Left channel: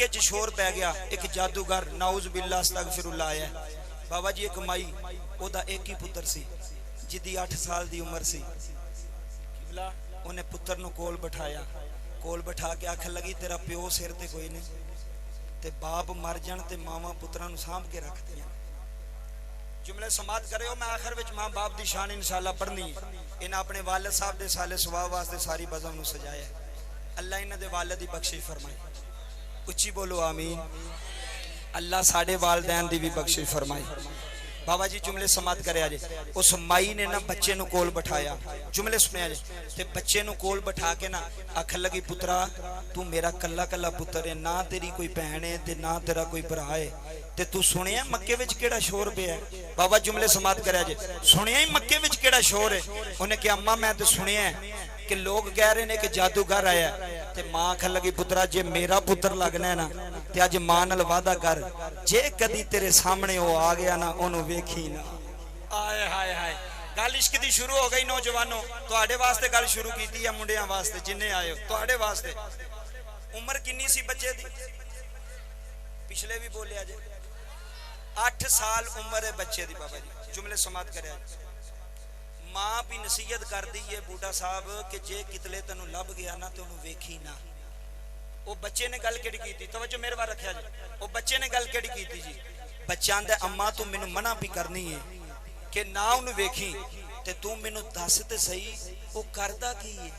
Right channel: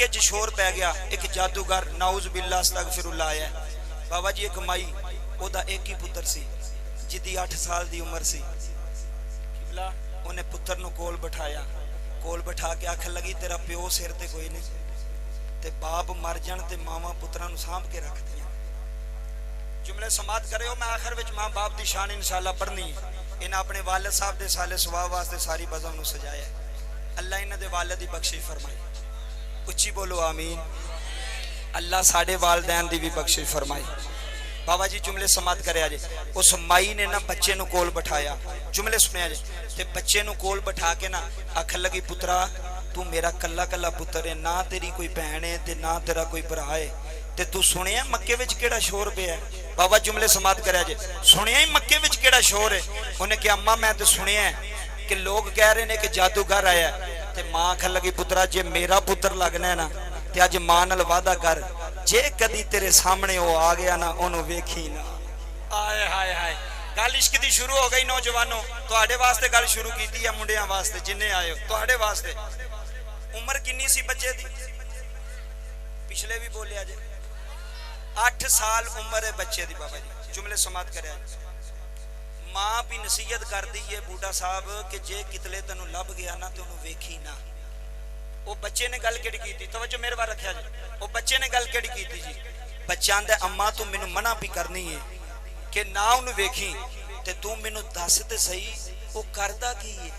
मक्के च शोर पै गया, एक जादूगर नाउज बिल्ला अस्तगफिरुल्लाह आया। बाबा जी एक माई ओदा एक ही पुत्र सी जिदी 8 साल दी उम्र सी। उन्हें पुत्र नु कोल बिठाया, कोल बिठा के आखन लगी तेरा प्यो सिर ते कोई नहीं, ते बाप मर जान ते मावा पुत्रां नु सांभ के रख दियां। जुमले समात करे हो, मैं आखिर विच मां बाप दी शान इंशाअल्लाह पढ़नी है। इन्हें अपने वालिद साहब दे साले सवाब वास्ते सारी बज़म नु सजाया। अल्लाह इन्हां दे वालिद दी बख्शिश फरमाए, उच्ची बोलो आमीन। अल्लाह साडे वालिदैन दी भी बख्शिश फरमाए। बाबा जी जुमले समात करे जे, उस माई ने ना बच्चे नु कोल बिठाया, जुमले सुने जे, ते बच्चे नु कोल बिठा के ना आखन लगी पुत्रा तू मेरा कल्ला कल्ला पुत्र है, ना तेरी कोई भैन है ते ना तेरा कोई भरा है, ते तू सुनिया मक्के विच केड़ा शोर पिया है। बाबा जुमले समात करे जे, सुनिया ही मक्के विच केड़ा शोर है। उन्हें कहा अम्मा मैं तो सुनिया है कि लोग कह रहे ने कि जादूगर आया, ते मां आखन लगी पुत्रा जे मेरा पुत्र लगना है ना ते अज मां नाल वादा कर, जे कदी तेरे सामने वो आ गया ना ओनू वेखी ना। आए हाय हाय, गल इश्क दी शुरू हो गई। नौजवानों तुहाडे वास्ते गल शुरू कीती है, मुंडियां वास्ते जिन्ने आए हो तुहाडे वास्ते। उम्र किन्नी सी बच्चे दी? पिछले भी बोलिया जे 8 साल उम्र है बच्चे दी। बाबा जी जुमले समात करे, मां भी नसीहत कर दी है बूढ़ा साहब कि जे कितले तेनू लभ गया ना ते ओनू वेखी ना। वो बच्चे ने गल केड़ी कीती, तवज्जो मेरे वाल रखिया जी। वो बच्चे ने गल केड़ी कीती जी? बच्चा आंदा अम्मा तू मैनू मना भी करनी है कि ना ओनू वेखी, ते तू मैनू दस ते सही वो करदा की है,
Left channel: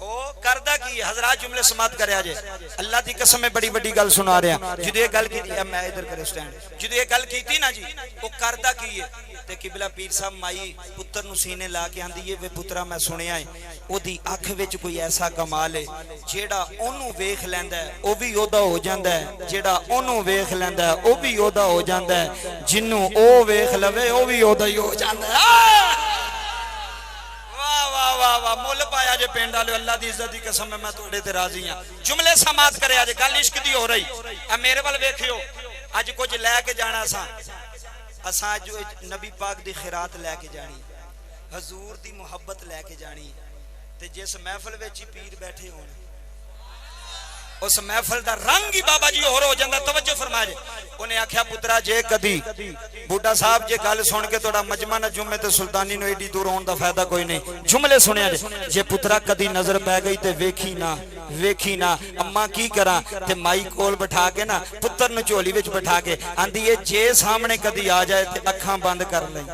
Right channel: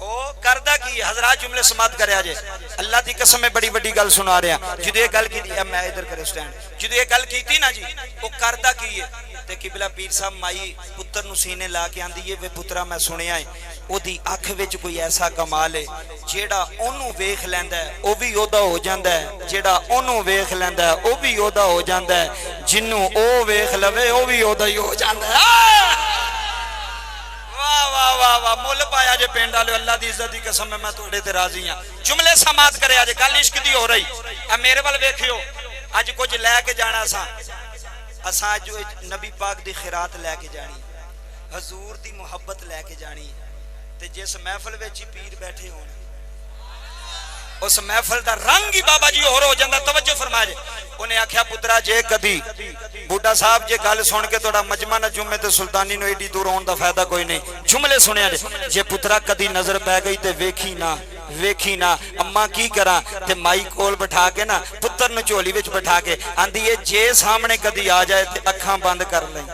ओ करदा की है। हजरात जुमले समात करे जे, अल्लाह दी कसम है बड़ी बड़ी गल सुना रहा। जदों ये गल कीती, मैं इधर करे स्टैंड, जदों ये गल कीती ना जी वो करदा की है, ते किबला पीर साहब माई पुत्र नु सीने ला के आंदी है वे पुत्रा मैं सुनिया है ओदी अख विच कोई ऐसा कमाल है जेड़ा ओनू वेख लैंदा है ओ भी ओदा हो जांदा है, जेड़ा ओनू वेख लैंदा है ओ भी ओदा हो जांदा है, जिन्नू ओ वेख लवे ओ भी ओदा ही हो जांदा है। वाह वाह वाह वाह, मुल पाया जे पिंड वाले। अल्लाह दी इज्जत दी कसम है मैं तुहाडे ते राजी हां। जुमले समात करे आज, गल इश्क दी हो रही है। मेरे वाल वेखियो, अज कुछ लैके जाना असां जो नबी पाक दी खिरात लैके जानी, हजूर दी मुहब्बत लैके जानी, ते जिस महफिल विच ही पीर बैठे होण उस महफिल दा रंग ही बाबा जी होर हो जांदा। तवज्जो फरमा जे, उन्हें आख्या पुत्रा जे कदी बूढ़ा साहब जे गल सुन के थोड़ा मजमा न जुमे ते सुल्तानी नु एडी दूर होने दा फायदा कोई नहीं। जुमले सुनिया जे पुत्रा कदी नजर पै गई ते वेखी ना, वेखी ना। अम्मा की करा, ते माई कोल बिठा के ना पुत्र नु झोली विच बिठा के आंदी है जे सामने कदी आ जाए ते अखां बंद कर ले।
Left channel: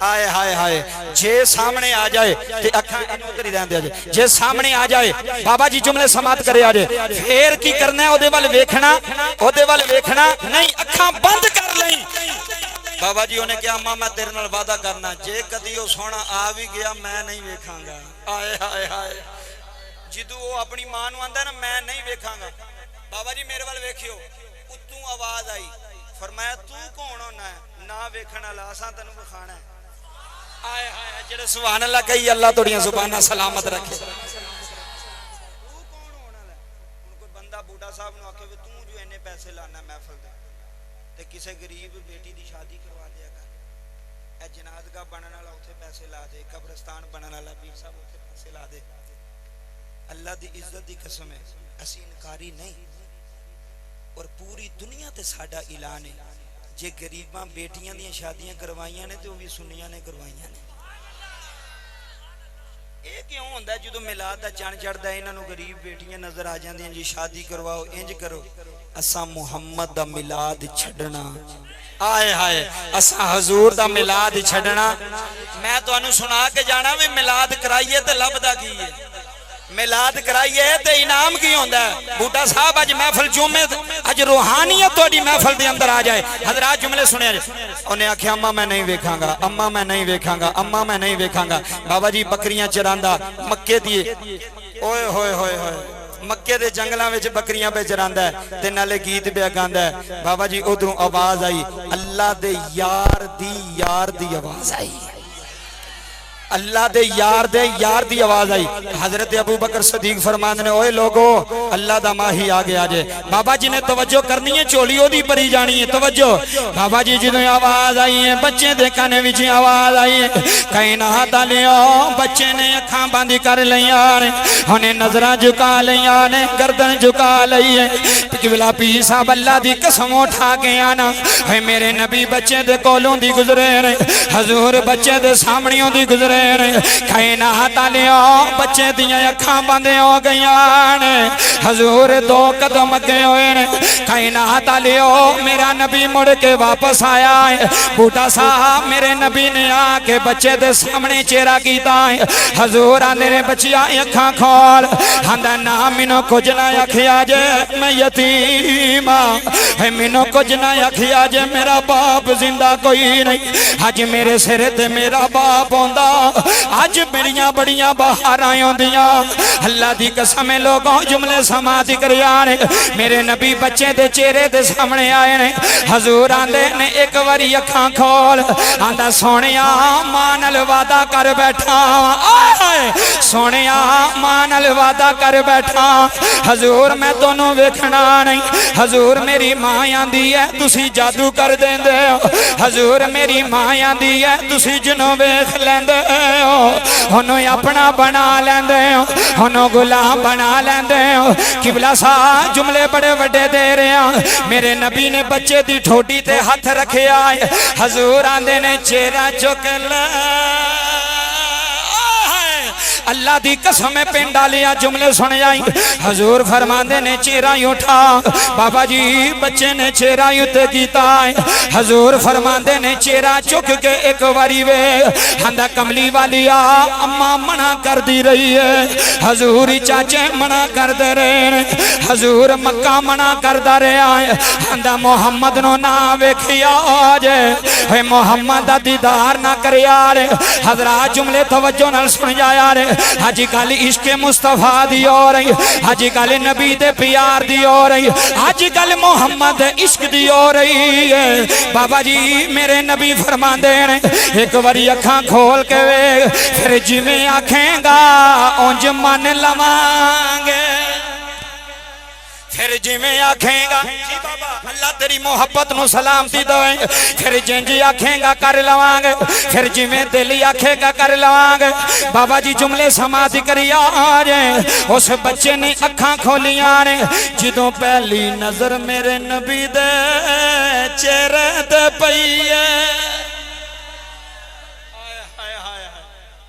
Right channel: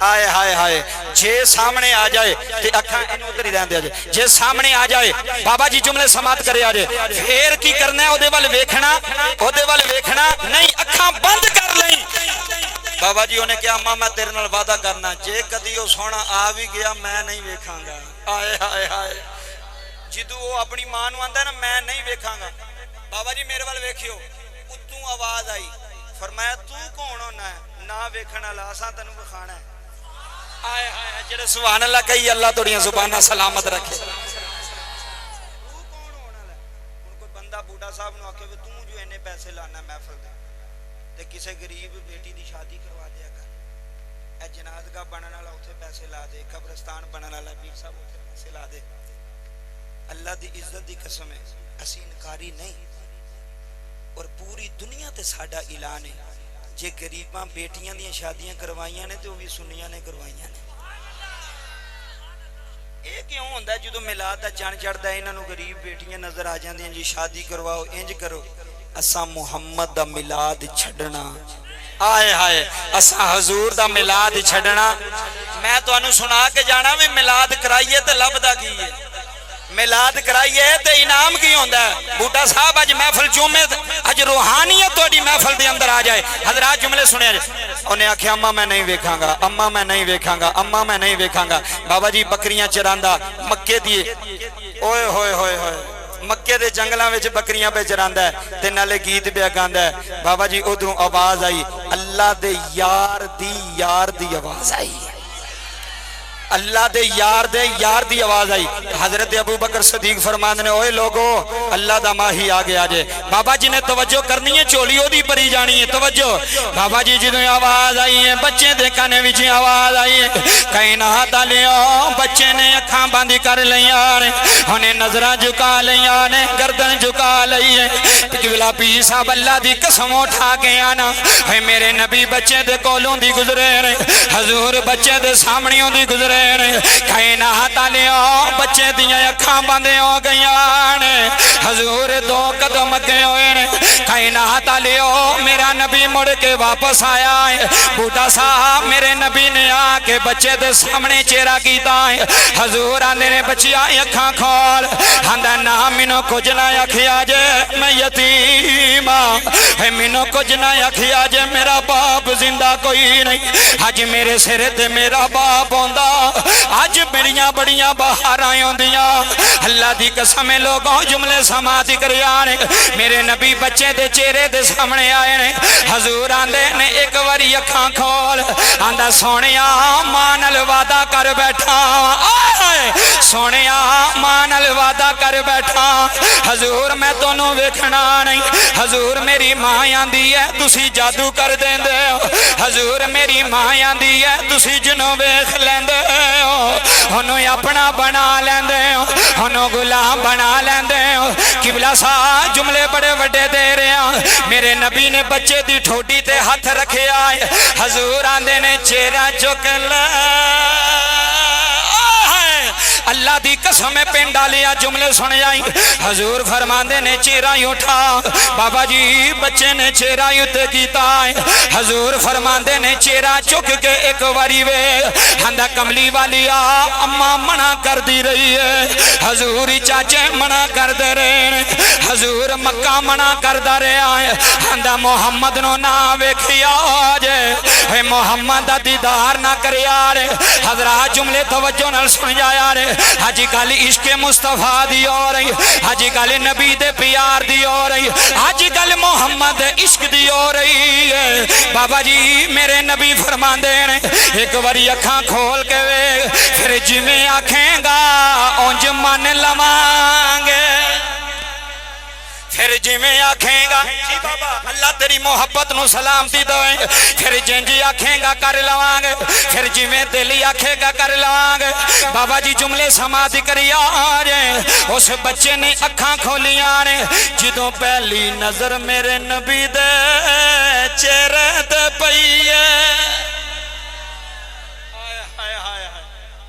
आए हाय हाय, जे सामने आ जाए ते अखां उधर ही रहंदे जे, जे सामने आ जाए बाबा जी जुमले समात करे आजे, फिर की करना है? ओदे वाल वेखना, ओदे वाल वेखना नहीं, अखां बंद कर ले। बाबा जी उन्हें कहा अम्मा मैं तेरे नाल वादा करना जे कदी वो सोना आ भी गया मैं नहीं वेखांगा। आए हाय हाय, जिदू वो अपनी मां नू आंदा ना मैं नहीं वेखांगा, बाबा जी मेरे वाल वेखियो, उतों आवाज आई, फरमाया तू कौन होना है ना वेखण वाला, असां तैनूं विखाना है। आए हाय, जेड़े सुभान अल्लाह कही अल्लाह तुहाडियां जुबानां सलामत रखे। तू कौन होने वाला? हुण कोई बंदा बूढ़ा साहब नूं आखे तू जो इन्ने पैसे लाना महफिल दे ते किसी गरीब बेटी दी शादी करवा दिया कर, ए जनाजगा बनने वाला उत्थे पैसे ला दे, कब्रिस्तान बनने वाला पीर साहब उत्थे पैसे ला दे। अल्लाह दी इज्जत दी कसम है असीं इनकारी नहीं, और पूरी दुनिया ते साडा ऐलान है जे गरीबां बेटियां दी शादियां करवाइयां ने ते वो भी सुन्नियां ने करवाइयां ने। ये क्यों होंदा है जो मिलाद दा चंद चढ़दा है इन्हां नूं गरीब बेटियां नजर आ जांदियां जी शादी करवाओ इंज करो। असां मुहम्मद दा मिलाद छड्डना, आए हाय असां हजूर दा मिलाद छड्डना। मैं तुहानूं सुना के जाना भी मिलाद कराइए ते लभदा की है, मिलाद कराइए ते इनाम की होंदा है। बूढ़ा साहब अज महफिल जुमे अज रूहानियत तुहाडी महफिल दे अंदर आ जाए। हजरात जुमले सुने, उन्हें आख्या अम्मा मैं नहीं वेखांगा, अम्मा मैं नहीं वेखांगा, अम्मा मैं नहीं वेखांगा। बाबा जी बकरियां चरांदा मक्के दी, ओए होए होए होए, मक्के दे जंगलों में बकरियां पे चरांदा है ते नाले गीत पे गांदा है। बाबा जी उधरों आवाज आई, अल्लाह दे यार दी आवाज आई। अल्लाह दे यार दी आवाज आई। हजरत अबू बकर सदीक फरमांदे ने ओए लोगो अल्लाह दा माही आ गया जे। बाबा जी ने तवज्जो करनी है, झोली ओदी भरी जानी है। तवज्जो बाबा जी जो आवाज आई है, बच्चे दे कान विच आवाज आई है, कायनात वालियो बच्चे ने अखां बंद कर लिया ने, उन्हें नजरां झुका लिया ने, गर्दन झुका लई है। किबला पीर साहब अल्लाह दी कसम उठा के आना है, मेरे नबी बच्चे दे कोलों दी गुजरे ने, हजूर बच्चे दे सामने दी गुजरे ने। कायनात वालियो बच्चे दियां अखां बंद हो गईयां ने, हजूर दो कदम अगे होए ने। कायनात वालियो मेरा नबी मुड़ के वापस आया है। बूटा साहब मेरे नबी ने आके बच्चे दे सामने चेहरा कीता है। हजूर आंदे ने बच्चिया अखां खोल, आंदा ना मैनू कुछ ना आखिया जे मैं यतीम है, मैनू कुछ ना आखिया जे मेरा बाप जिंदा कोई नहीं। अज मेरे सिर ते मेरा बाप आंदा, अज मेरिया बड़िया बहार आंदियां। अल्लाह दी कसम लोगों जुमले समाधि कर यार मेरे नबी बच्चे दे चेहरे दे सामने आए ने। हजूर आंदे ने एक बारी अखां खोल, आंदा सोनिया मां नाल वादा कर बैठा, सोनिया मां नाल वादा कर बैठा, हजूर मैं दोनों वेखना नहीं। हजूर मेरी मां आंदी है तुसी जादू कर देंदे हो, हजूर मेरी मां आंदी है तुसी जिन्हों वेख लेंदे हो, उन्हों अपना बना लेंदे हो, उन्हों गुलाम बना लेंदे हो। किबला सा जुमले बड़े वड्डे दे रहे। मेरे नबी ने बच्चे दी ठोडी ते हाथ रखे आए। हजूर आंदे ने चेहरा चुक ला, अल्लाह दी कसम पिंड वालिया जुमले सुन आई। हजूर फरमांदे ने चेहरा उठा, बाबा जी बच्चे ने चेहरा उत्ते कीता है। हजूर फरमांदे ने चेहरा चुक के एक बारी वे, आंदा कमली वालिया अम्मा मना कर दी रही है, हजूर चाचे मना कर दे रहे, हजूर मक्का मना करदा रहा है। आंदा मोहम्मद नो ना वेखिया जे, मोहम्मद दा दीदार ना करिया रे। हजरात जुमले तवज्जो नाल सुन जाया रे। अज कल इश्के मुस्तफा दी हो रही, अज कल नबी दे प्यार दी हो रही, अज कल मोहम्मद इश्क दी हो रही है। बाबा जी मेरे नबी फरमांदे ने एक बारी अखां खोल के वे, फिर जिवें आखेगा उंज मन लवांगे, फिर जिवें आखेगा जी बाबा अल्लाह तेरी मोहब्बत नु सलामती दे, फिर जिंज आखेगा कर लवांगे, फिर जिवें दिल आखेगा कर लवांगे। बाबा जी जुमले समाधि करिया जे। उस बच्चे ने अखां खोलियां ने, जदों पहली नजर मेरे नबी दे चेहरे ते पई है।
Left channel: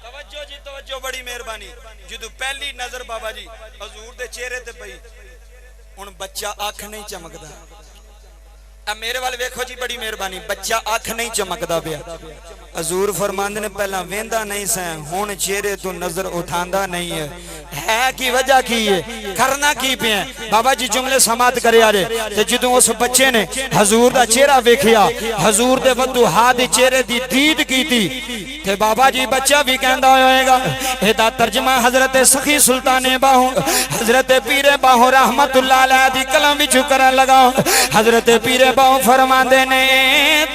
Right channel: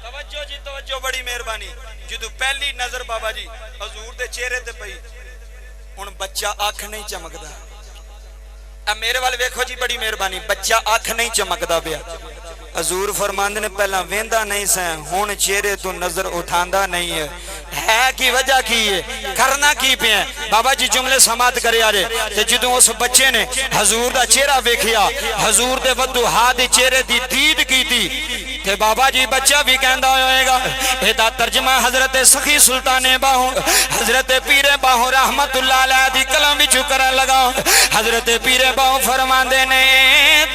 तवज्जो जी तवज्जो, बड़ी मेहरबानी। जदों पहली नजर बाबा जी हजूर दे चेहरे ते पई, हुण बच्चा अख नहीं चमकदा। अब मेरे वाल वेखो जी, बड़ी मेहरबानी, बच्चा अख नहीं चमकदा पिया। हजूर फरमांदे ने पहला वेंदा नहीं सा, हुण चेहरे तो नजर उठांदा नहीं है की वजह की है, करना की पे है। बाबा जी जुमले समात करे आरे ते जदों उस बच्चे ने हजूर दा चेहरा वेखिया, हजूर दे वधू हाथ दे चेहरे दी दीद कीती ते बाबा जी बच्चा भी कहंदा होएगा। एदा तर्जमा हजरत सखी सुल्ताने बाहू हजरत पीरे बाहू रहमतुल्लाह अलैह दी कलम विच करन लगा। हजरत पीरे बाहू फरमांदे ने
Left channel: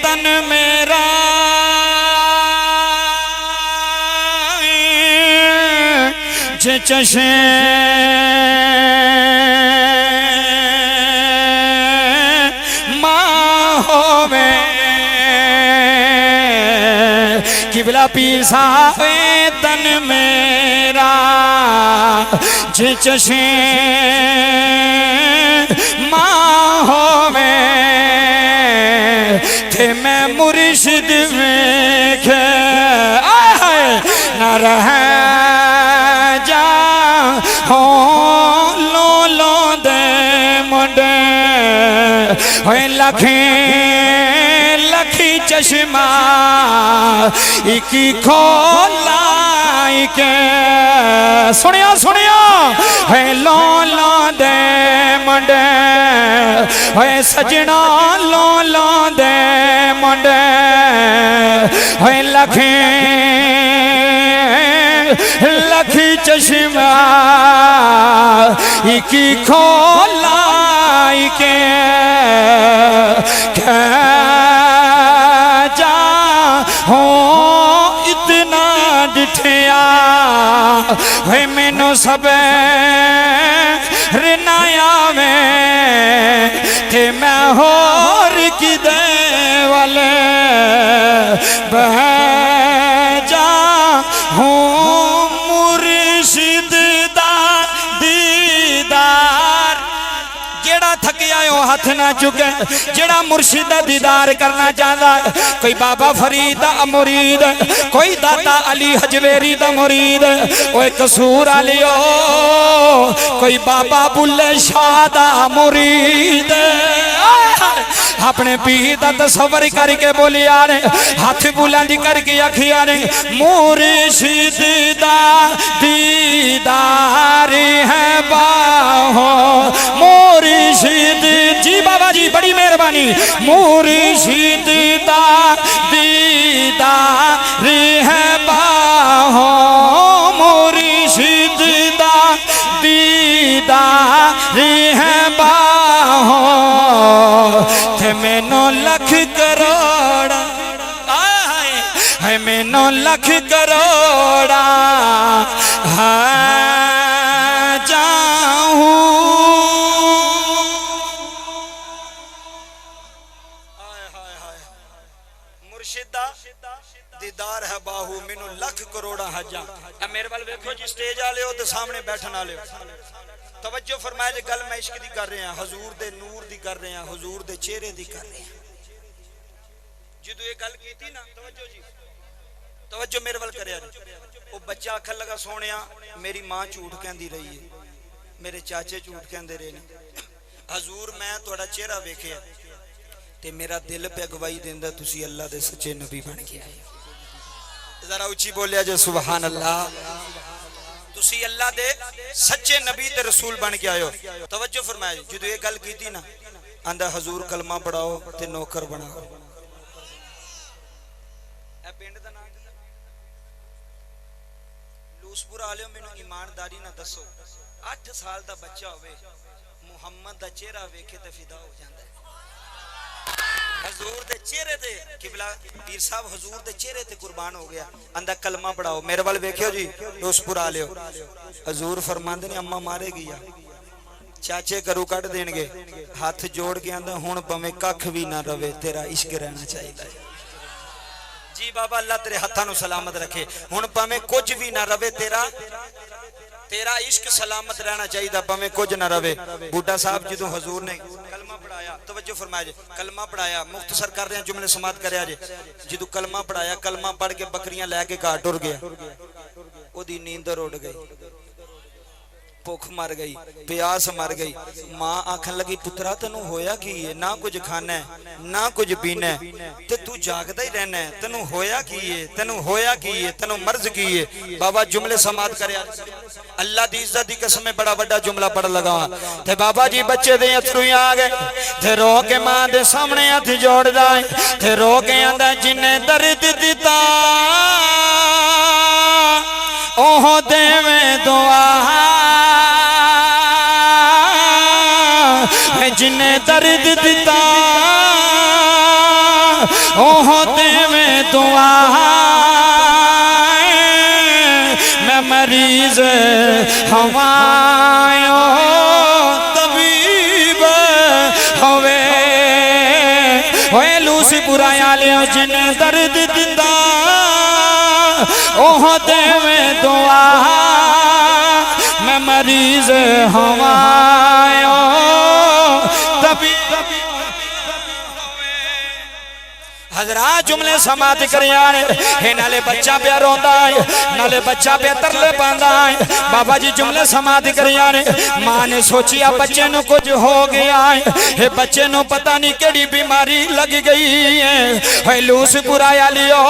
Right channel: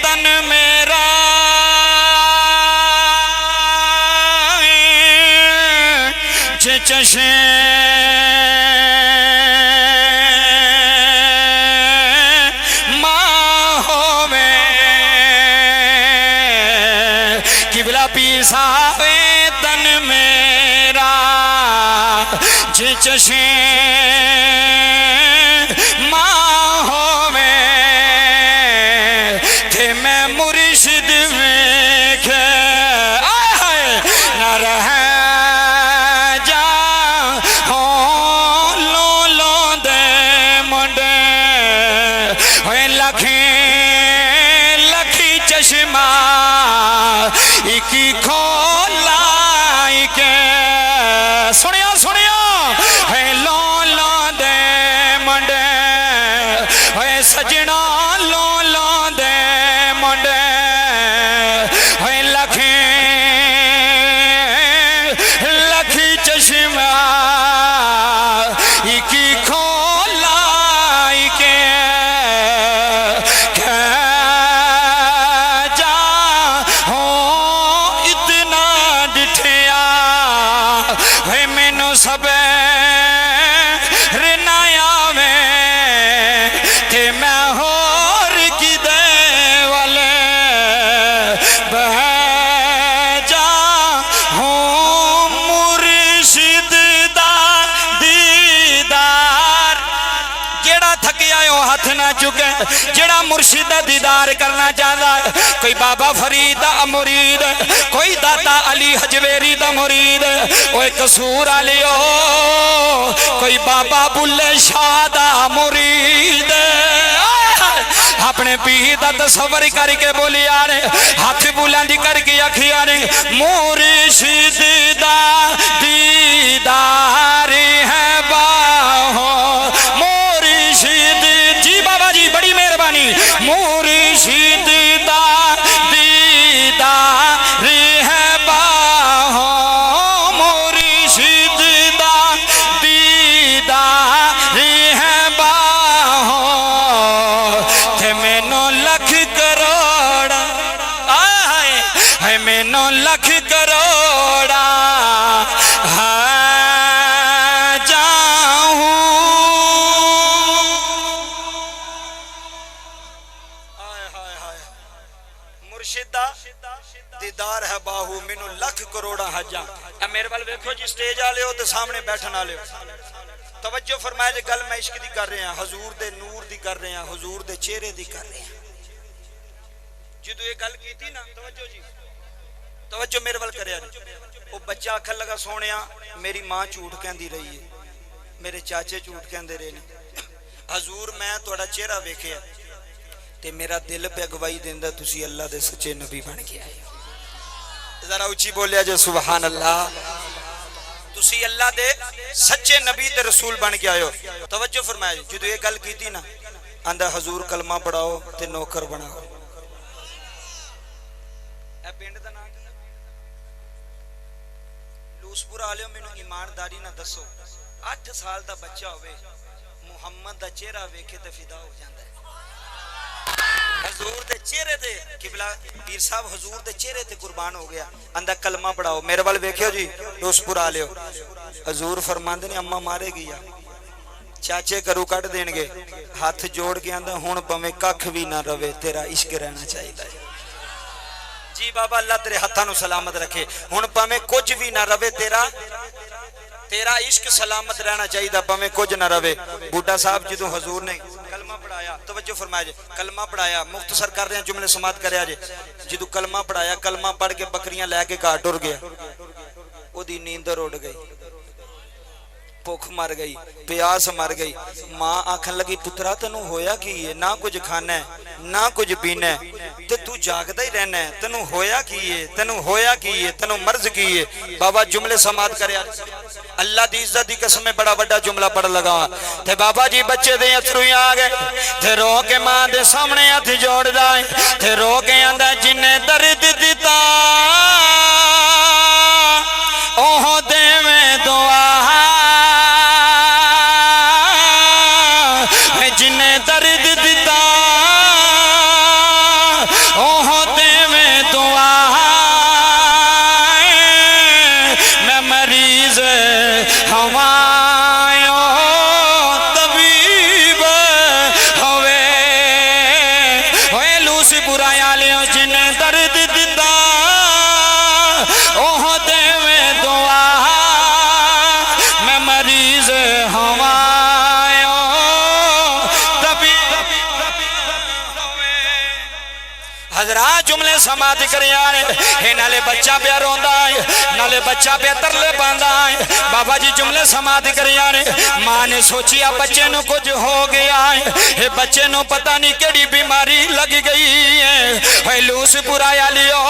तन मेरा जे चशे मां होवे, किबला पीर साहब तन मेरा जे चशे मां होवे, थे मैं मुर्शिद वेखे न रह जा हो लो लो दे मुंडे होए लखे लखी चश्मा इकी खोला के सुनिया सुनिया है लो लो दे मुंडे होए सजना लो लो दे मुंडे होए लखे लखी चश्मा इकी खोला के जा हो इतना डिठे जेड़ा थकिया ओ हथ ना चुके, जेड़ा मुर्शिद दा दीदार करना चाहता है, कोई बाबा फरीद दा मुरीद, कोई दाता अली हजवेरी दा मुरीद, ओए कसूर आलियो कोई बाबा बुल्ले शाह दा मुरीद, अपने पीर दा तसव्वुर करके बोलिया ने, हाथ बुलंद करके आखिया ने, मुर्शिद दा दीदार है बाहो, मुर्शिद जी बाबा जी बड़ी मेहरबानी, मुर्शिद दा दीदार है बाहो, मुर्शिद दा दीदार है बाहो, थे मैनो लख करोड़ा है, मैनो लख करोड़ा दीदार है बाहू मैनू लख करोड़ा हजा। मेरे वाल वेखो जी, स्टेज वाले हो तो सामने बैठन वाले हो, तवज्जो फरमाए जी, गल मैं इश्क दी कर रहे हैं, हजूर दे नूर दी कर रहे हैं, हजूर दे चेहरे दी कर रहे हैं। जो ये गल की थी ना, तवज्जो जी, तवज्जो मेरे वाल करया जी। वो बच्चा आखन लगा, सोनिया मेरी मां झूठ कहती रही है, मेरे चाचे झूठ कहते रहे ने, हजूर मैं तुहाडा चेहरा वेखिया ते मेरा दिल पे गवाही देंदा तुसी अल्लाह दे सच्चे नबी बन के आए। जरा उची बोलिया जो सुभान अल्लाह, तुसी अल्लाह दे सच्चे नबी ते रसूल बन के आयो। तवज्जो फरमाया जी, जो ये गल की थी ना, आंदा हजूर कलमा पढ़ाओ ते नौकर बनाओ। ए पिंड दा नाम लूसपुरा आलियो, मैनू ईमानदारी ना दसो, 8 साल दा बच्चा होवे मुहम्मद दा चेहरा वेखे ते फिदा हो जांदा है। हजूर दे चेहरे ते किबला पीर साहब हजूर दे चेहरे ते कुर्बान हो गया, आंदा कलमा पढ़ाओ। मेरे वाल वेखियो जी, लूसपुरा आलियो, हजूर फरमांदे ने अम्मा मारेगी या चाचे करू कट देंगे, हाथ जोड़ के आंदा हुण भावें कख भी ना रवे, तेरा इश्क रहना चाहिए जी बाबा, अल्लाह तेरे हत्थां नूं सलामत रखे, हुण भावें कुछ भी ना रवे, तेरा इश्क सलामत रहना चाहिए, भावें कुछ ना रवे। बूढ़ा साहब जो हजूर ने कलमा पढ़ाया, तवज्जो फरमाया जे, कलमा पढ़ाया, मुख्तसर कर रहे हैं जुमले समात करया जे, जो कलमा पढ़ाया, कलमा पढ़ के बकरियां लैके घाट टुर गया, ओदी नींदर उड़ गई, भुख मर गई, प्यास मर गई। मां आखन लगी, पुत्रा तेनू होया की है, ना कुछ खाना है ना कुछ पीना है, ते तू जागदा ही रहना है, तेनू होया की है, तेनू होया की है, तेनू मर्ज की है। बाबा जुमले समात करया, अल्लाह दी इज्जत दी कसम बड़ा बड़ा जुमला पढ़ लगा, ते बाबा जी बच्चे दे अथरू आ गए, ते रो के मां दे सामने हथ जोड़दा है, ते रो के आंदा, जिन्ने दर्द दिता ओह देवे दुआ, जिन्हें दर्द दिता ओह देवे दुआ, मैं मरीज हवायो तबीब होवे, होए लूसपुरा आलियो, जिन्हें दर्द दिता ओह देवे दुआ, मैं मरीज हवायो हजरा जुमले समात करिया, नाले बच्चा पे रोंदा है, नाले बच्चा पे तरले पांदा है। बाबा जी जुमले समात करिया, मां ने सोचिया बच्चे नु कुछ हो गया है, बच्चे नु पता नहीं केड़ी बीमारी लग गई है। लूसपुरा आलियो,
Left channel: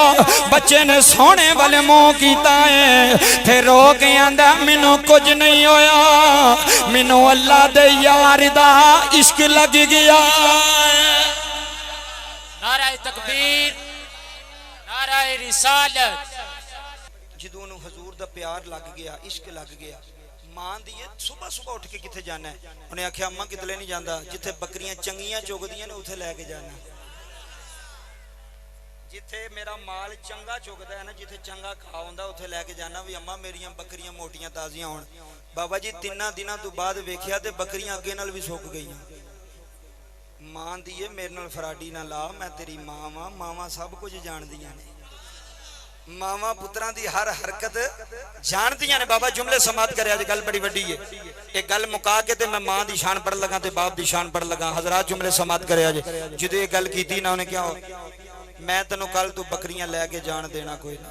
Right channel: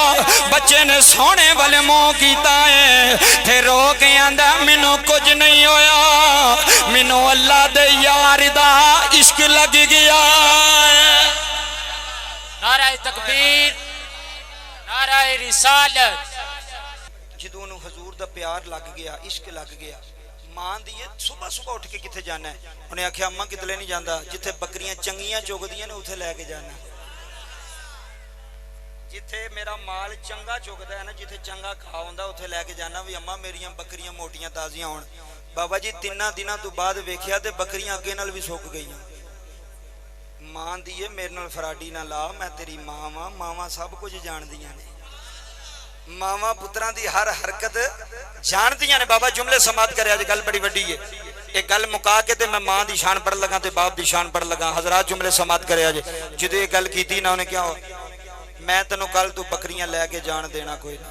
बच्चे ने सोने वाले मुंह कीता है, थे रो के आंदा, मैनू कुछ नहीं होया, मैनू अल्लाह दे यार दा इश्क लग गया। नाराए तकबीर, नाराए रिसालत। जदों नूं हजूर दा प्यार लग गया, इश्क लग गया, मां दी सुबह सुबह उठ के किथे जाना है, उन्हें आख्या अम्मा कितले नहीं जाता, जिथे बकरियां चंगियां चुगदियां ने उथे लैके जाना, जिथे मेरा माल चंगा चुगदा है ना, जिथे चंगा खा हुंदा उथे लैके जाना, भी अम्मा मेरियां बकरियां मोटियां ताजियां होण। बाबा जी 3 दिनों तो बाद वेखिया ते बकरियां अगे नाल भी सुक गईयां। मां दी है मेरे नाल फराडी ना ला, मैं तेरी मां वां, मावां सब कुछ जानदियां ने, मावां पुत्रां दी हर हरकत जानदियां ने। बाबा जुमले समात करे, अज गल बड़ी वड्डी है, एक गल मुका के ते मैं मां दी शान पढ़ लगा ते बाप दी शान पढ़ लगा। हजरात जुमले समात करे जे जो ये गल की ना उन्हें क्या हो मैं तेनों कल तू बकरियां लैके जान देना कोई ना।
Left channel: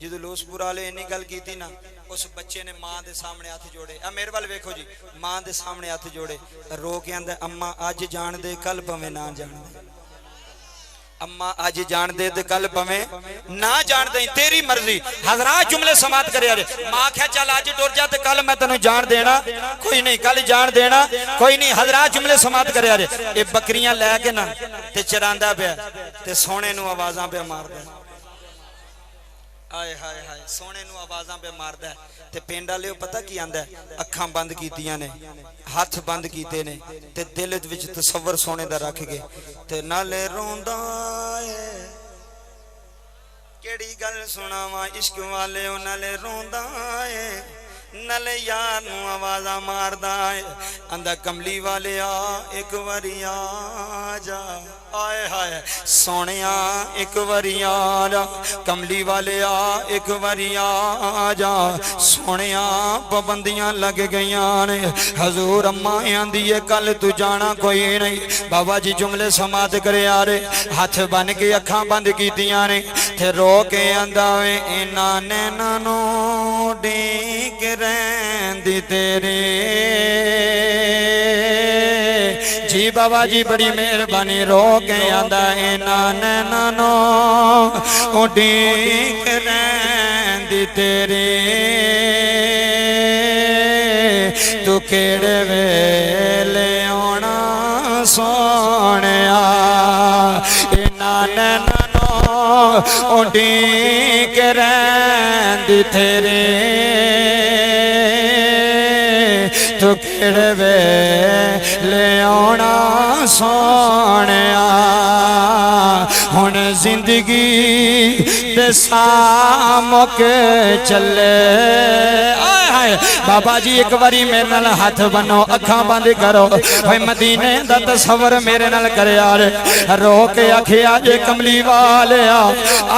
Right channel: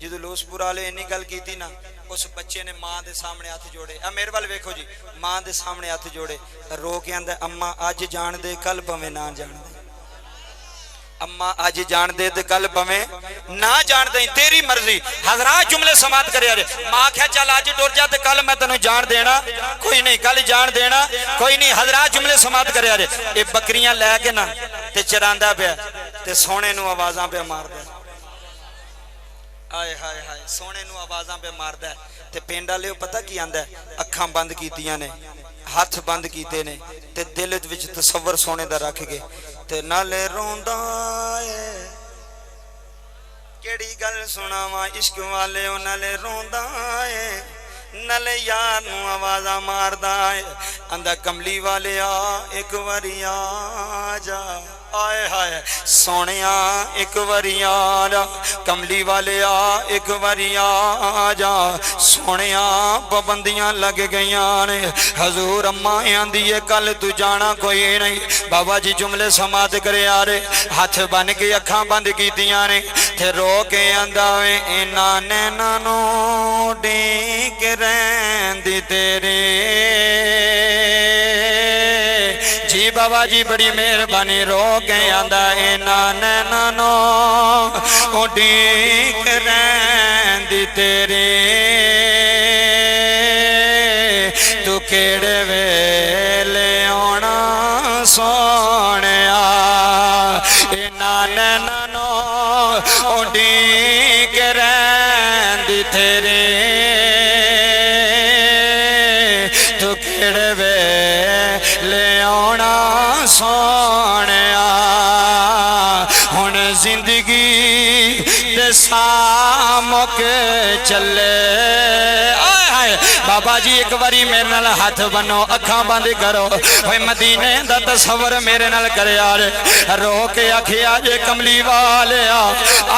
जो लोसपुर वाले इन्नी गल की ना उस बच्चे ने मां के सामने हथ जोड़े। मेरे वाल वेखो जी मां के सामने हथ जोड़े रो के आंदा अम्मा अज जान दे कल पवे ना जान दे। अम्मा अज जान दे ते कल पवे ना जान दे तेरी मर्जी। हजरात जुमले समात करे मां क्या चल अज टुर जा ते कल मैं तेन जान देना कोई नहीं कल जान देना कोई नहीं। हजरात जुमले समात करे ये बकरियां लैके ना ते चरांदा पिया ते सोने नू आवाज़ां पे मारदा। आए हाय हाय सोने नू आवाज़ां पे मारदा ते पिंड वाले पता की आंदा अखां बंद कीतियां ने हथ बंद कीते ने ते दिल विच तसव्वुर सोने दा रख के ते नाले रोंदा है केड़ी गल सुनावा इश्क वाले नाले रोंदा है नाले यार नू आवाज़ां मारदा है आंदा कमली वाले आ एक बारी आ जा। आए हाय सोनिया एक बारी आ जा कमली वाले आ एक बारी आ जा सोनिया पाबंदियां लग गई ने। हजूर अम्मा आंदी है कल तू जाना कोई नहीं। बाबा जी जुमले समात करे आ रहे हथ बन के अखां बंद कीतियां ने ते रो के आंदा वे इन्हां नैनां नूं ढीक रहिंदी तेरे जी। बाबा जी बड़ी मेहरबानी रो के आंदा इन्हां नैनां नूं ढीक रहिंदी तेरे तू केड़े वेले आउणा सोहणिया। इन्हां नैनां नूं ढीक रहिंदी तेरे तू केड़े वेले आउणा सोहणिया। हुण जिंदगी दे सामुक चले। बाबा जी एक बारी मेरे नाल हाथ बनो अखां बंद करो भाई मदीने दा तसव्वुर मेरे नाल करे यार। रो के आखिया जे कमली वालिया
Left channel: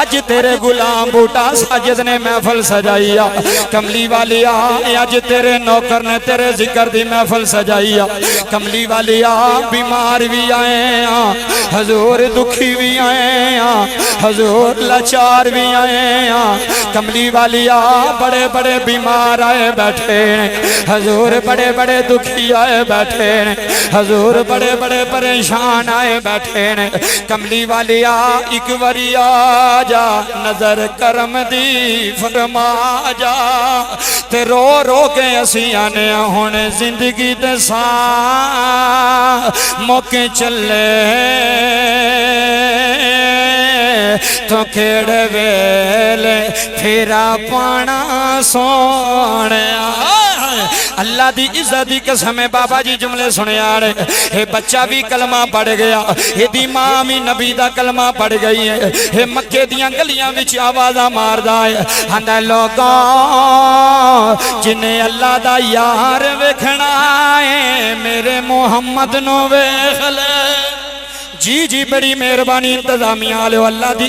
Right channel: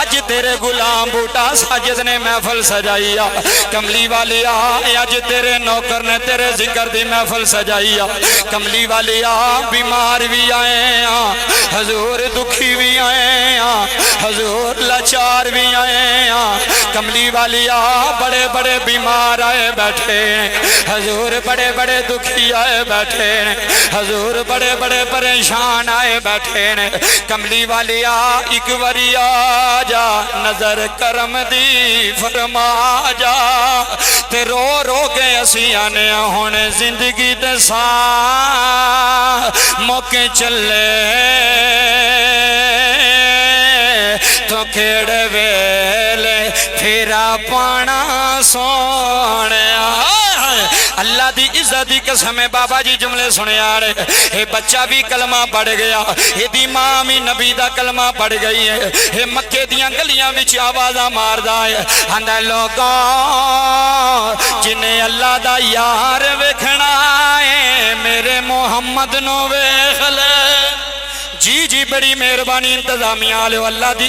अज तेरे गुलाम बूटा साजिद ने महफिल सजाई आ। कमली वालिया अज तेरे नौकर ने तेरे जिक्र दी महफिल सजाई आ। कमली वालिया बीमार भी आए आ हजूर दुखी भी आए आ हजूर लाचार भी आए आ। कमली वालिया बड़े बड़े बीमार आए बैठे हजूर बड़े बड़े दुखी आए बैठे हजूर बड़े बड़े परेशान आए बैठे ने। कमली वालिया एक बारी आ जा नजर करम दी फरमा जा ते रो रो के असी आने हुण जिंदगी दे सा मौके चले तो केड़े वेले फेरा पाना सोहणिया। अल्लाह दी इज्जत दी कसम है बाबा जी जुमले सुने यार। ये बच्चा भी कलमा पढ़ गया ये मां भी नबी दा कलमा पढ़ गई है। ये मक्के दियां गलियां विच आवाज़ां मारदा है आंदा लोगों जिन्हें अल्लाह दा यार वेखना है मेरे मुहम्मद नू वेख ले। जी जी बड़ी मेहरबानी इंतजामिया वाले अल्लाह दी